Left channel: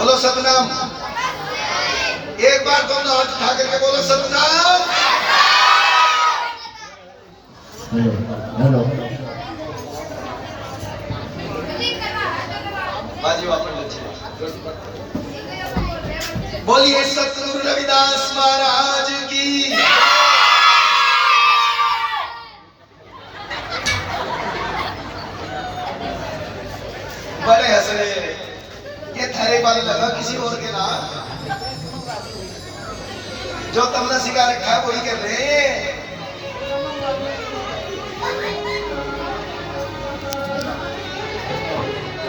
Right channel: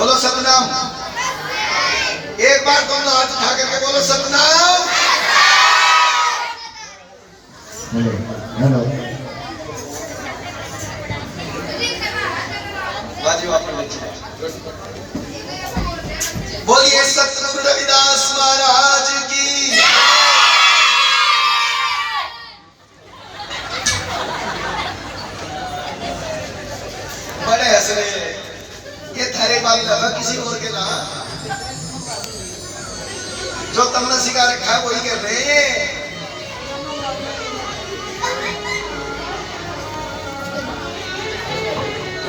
बोलो सतनाम। एक बार दोनों हाथ उठा करके बोलो सतनाम। हेलो हेलो बोलिए सतगुरु रविदास महाराज की। बड़े हंस रहे, ये थारे बाल लगा किसी और के ना, जो तुमने सिखा रखा है वही कर रहे हैं।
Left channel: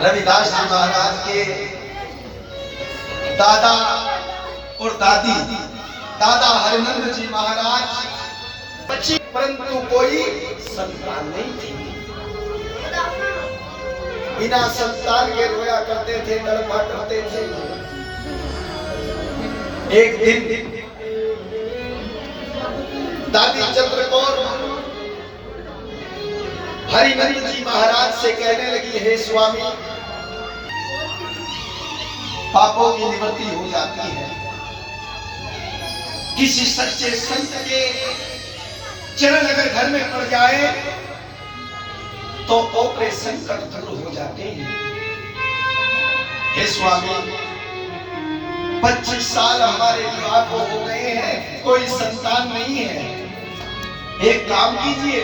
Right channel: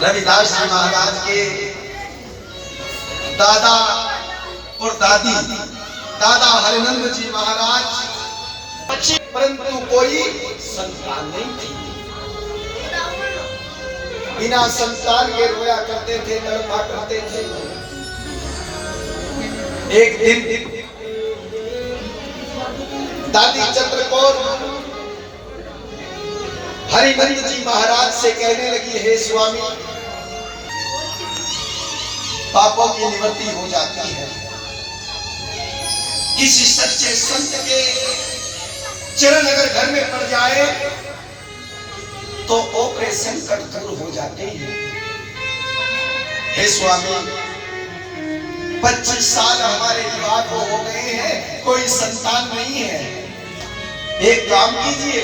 रविदास जी महाराज के दादा और दादी, दादा हरिनंद जी महाराज, परंतु कोई संतान नहीं थी। बिना संतान के रोया करते थे, तड़पा करते थे। एक दिन दादी चंद्रकौर हरिनंद जी महाराज से कहने लगी, हे स्वामी, पापों की निवृत्ति हो जाती है। किसी सच्चे संत के चरण अगर घर में पड़ जाए तो ऑपरेशन संकट दूर हो जाते हैं। हे स्वामी, 25 साल हमारे विवाह को हो गए हैं, कोई संतान नहीं है। एक काम कीजिए।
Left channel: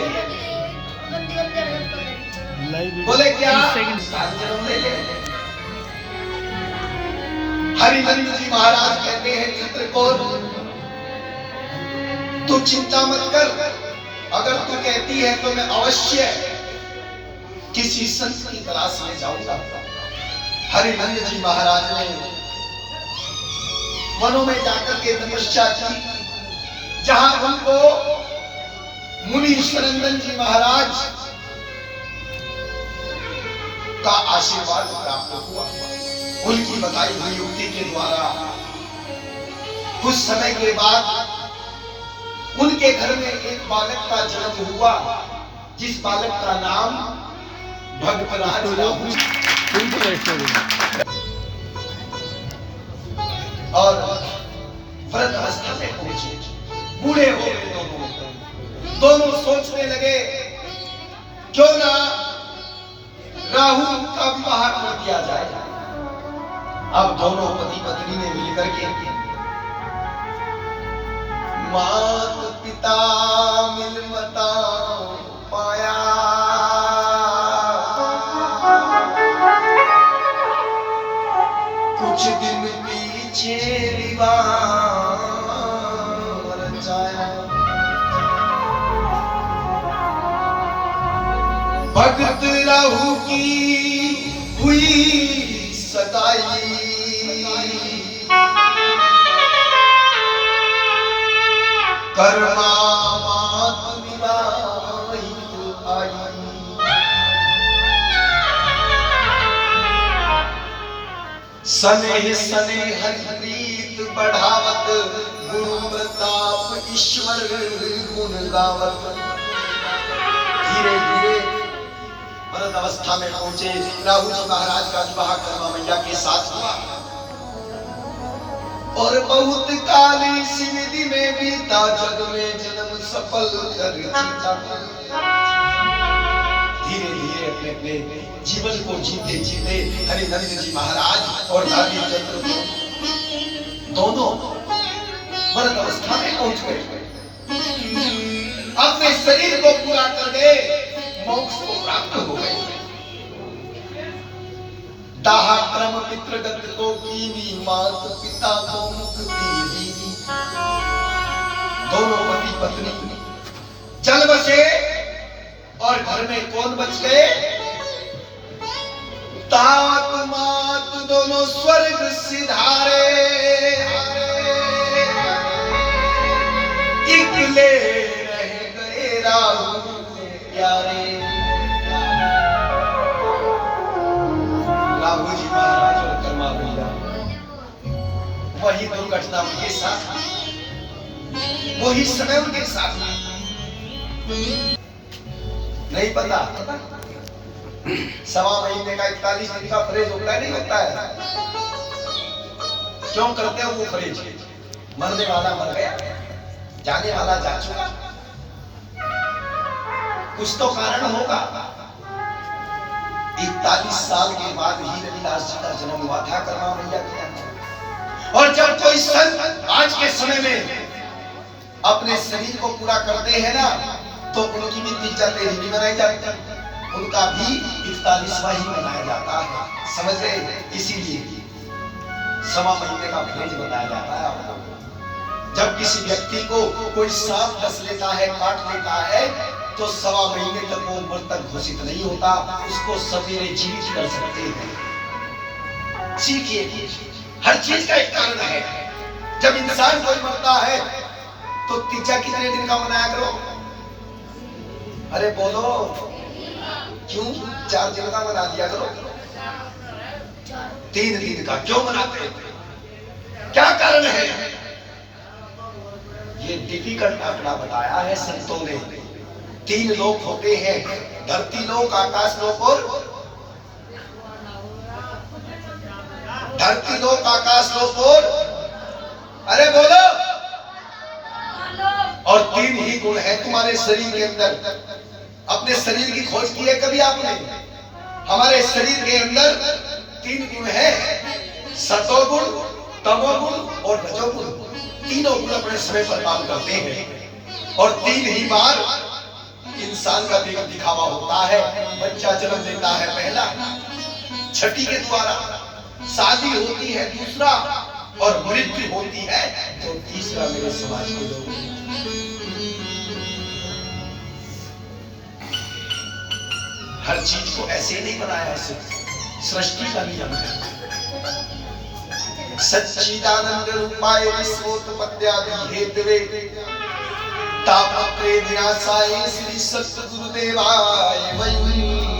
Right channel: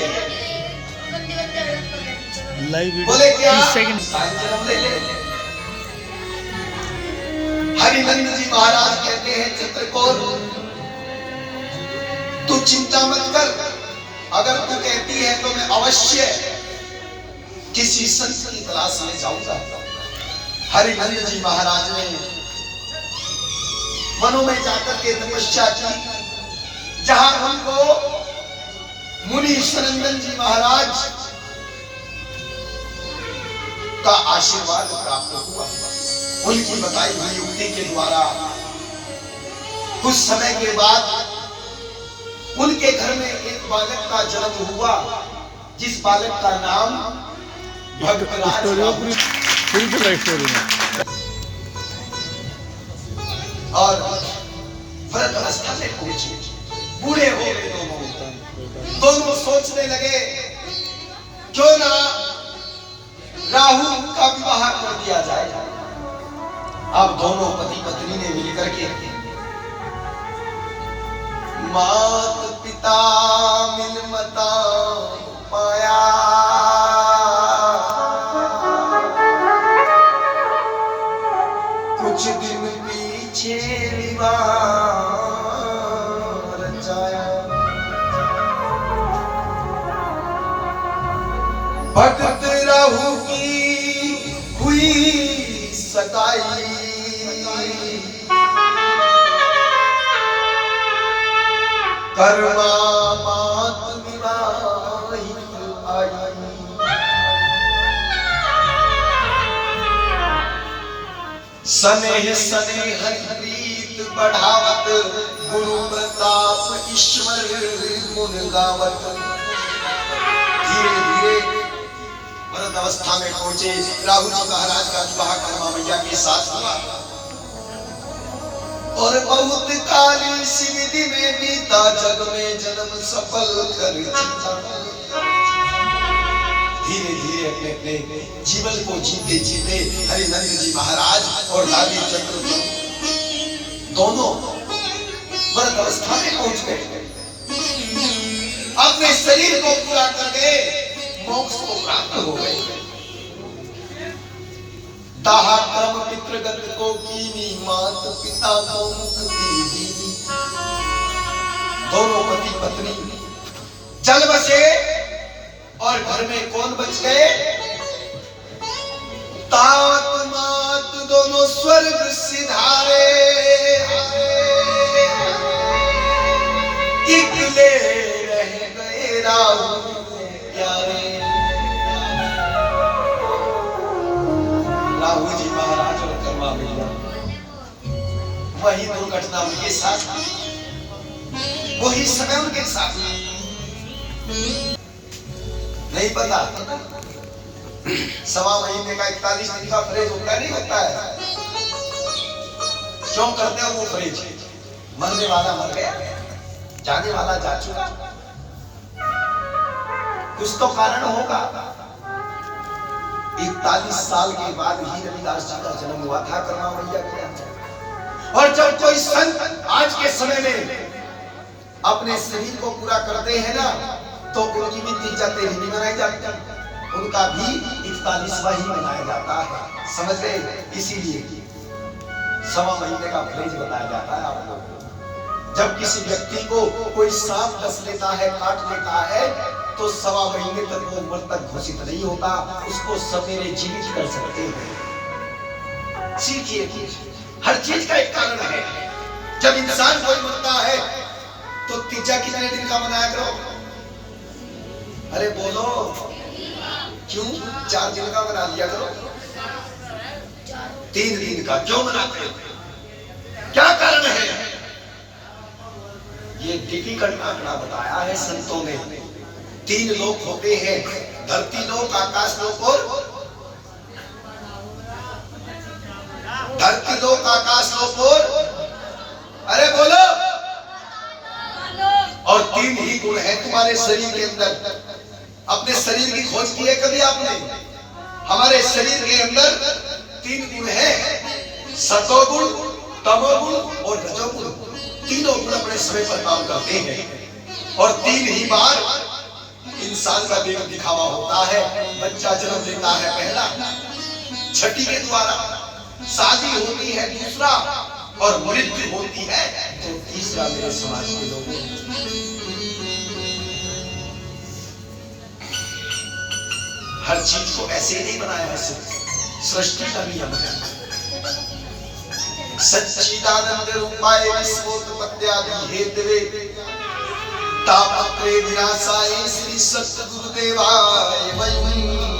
बोले क्या? जन्म ले ले। हरिनंद जी महाराज कहते हैं, चित्रकौर तू चिंता मत कर, अगर तू कहती है तो मैं अवश्य किसी संत की तलाश में जाऊंगा। हरिनंद जी महाराज ने वनों में जाकर के तपस्या की, जहां उनको मुनि ईश्वरनंदन जी महाराज का आशीर्वाद प्राप्त हुआ। उनकी बताई हुई युक्ति के द्वारा कुछ समय के बाद उनके घर में एक बालक का जन्म हुआ, जिस बालक का नाम भगतराज और व्रत अवस्था में पहुंचे, बूढ़े हो गए। दोनों सोचने लगे, क्यों ना राहु का विवाह कर दिया जाए। अब दोनों पति पत्नी ने मिलकर के मात पिता मिलमता पाया, कुछ दिन पीछे विवाह रचाया। भगत राहु की हुई सताई, कर्मा मात विवाहित आई। सनेह सनेह हरिप्रीत बढ़ावत, गुरु प्रताप ईश्वर गुण गावत। धीरे धीरे व्रत अवस्था में पहुंचे। राहु जी महाराज का विवाह कर्मा मैया के साथ हुआ और बहुत काली सी विधि में बीता, जग में जन्म सफल कर जीता। धीरे धीरे अपने अपने जीवन को जीते जीते हरिनंद जी महाराज और दादी चंद्र दोनों व्रत अवस्था में पहुंच गए। अपने शरीर को पूरा कर गए, मोक्ष को प्राप्त हो गए। दाह क्रम पितृगत को कीनी, मात पिता को मुक्ति दीनी। दोनों पति पत्नी चल बसे और घर में कौन बच गए? तात मात दोनों स्वर्ग सिधारे, इकले रह गए राहु प्यारे। राहु जी महाराज और कर्मा मैया, वही दुर्घटना उनके साथ, वही समय उनके साथ। नहीं पता, 1.25 महीने का 41 दिन का परहेज होता है, नहीं होता है। क्यों करते हो वो परहेज? मरने वाला मर गया, जाने वाला जा चुका, कुछ तो कारण होगा। 41 साल के बाद ही रविदास जी का जन्म हुआ था करुणा मैया के अंदर। और जब कोई संत आज के समय में अपने शरीर को पूरा करते हैं ना, तो उनकी भी तिजते ही नहीं मनाई जाती, उनका भी 41वां ही मनाया जाता है, समझ गए? इसीलिए सवा महीने का परहेज बताया जाता है आपको। जब किसी व्यक्ति को कोई सांप डस लेता है, काट लेता है, तो सवा महीने तक वो मृतक घोषित नहीं होता, उसको सवेरे जीवित कर सकते हैं। सीखिए, हर चीज का एक कारण है। जब इंसान कोई मरता है तो तीजा कितने दिन का मनाया करो? अरे बोलो, क्यों 4 दिन का मना लिया करो? 3 दिन का क्यों मनाते हो? क्या कारण है? ये डिफिकल्ट आंकड़ा बताया है संतों ने। 3 लोक होते हैं, धरती लोक, आकाश लोक और धरती लोक, आकाश लोक और अरे बोलो। और 3 ही गुण है तुम्हारे शरीर के अंदर। अपने शरीर की खोज की है कभी आपने? हमारे शरीर के अंदर 3 गुण है, सतोगुण, तमोगुण और रजोगुण। तीनों गुण अपने समय पर काम करते हैं और 3 ही बार इंसान का देह दिखावा होता है। बच्चा जन्म लेता है पहला, छठी के द्वारा, शादी होती है दूसरा, और मृत्यु होती है तो तीसरा। मेरे समाज के लोग हर चीज को ऐसे नहीं बनाया, ऐसे सृष्टि का नियम है। सच्चिदानंद रूपाय विश्वोत्पत्त्यादि हेतवे तापत्रे विनाशाय श्री सद्गुरुदेवाय वै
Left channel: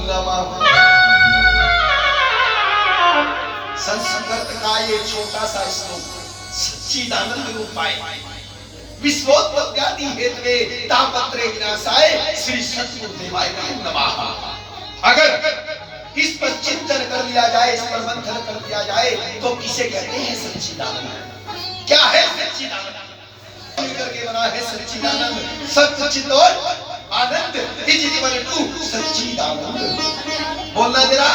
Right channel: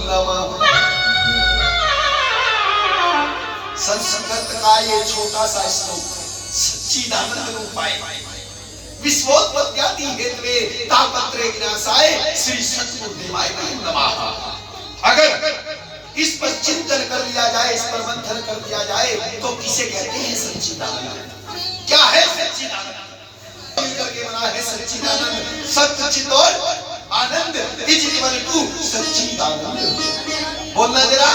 नमः। संस्कृत का ये छोटा सा श्लोक, सच्चिदानंद रूपाय विश्वोत्पत्त्यादि हेतवे तापत्रे विनाशाय श्री सद्गुरुदेवाय वै नमः। अगर इस पर चिंतन कर लिया जाए, इस पर मंथन कर लिया जाए, तो किसे कहते हैं सच्चिदानंद? क्या है सच्चिदानंद? मिलकर के बना है सच्चिदानंद, सत्य चित और आनंद इज इक्वल टू सच्चिदानंद। बोलना जरा।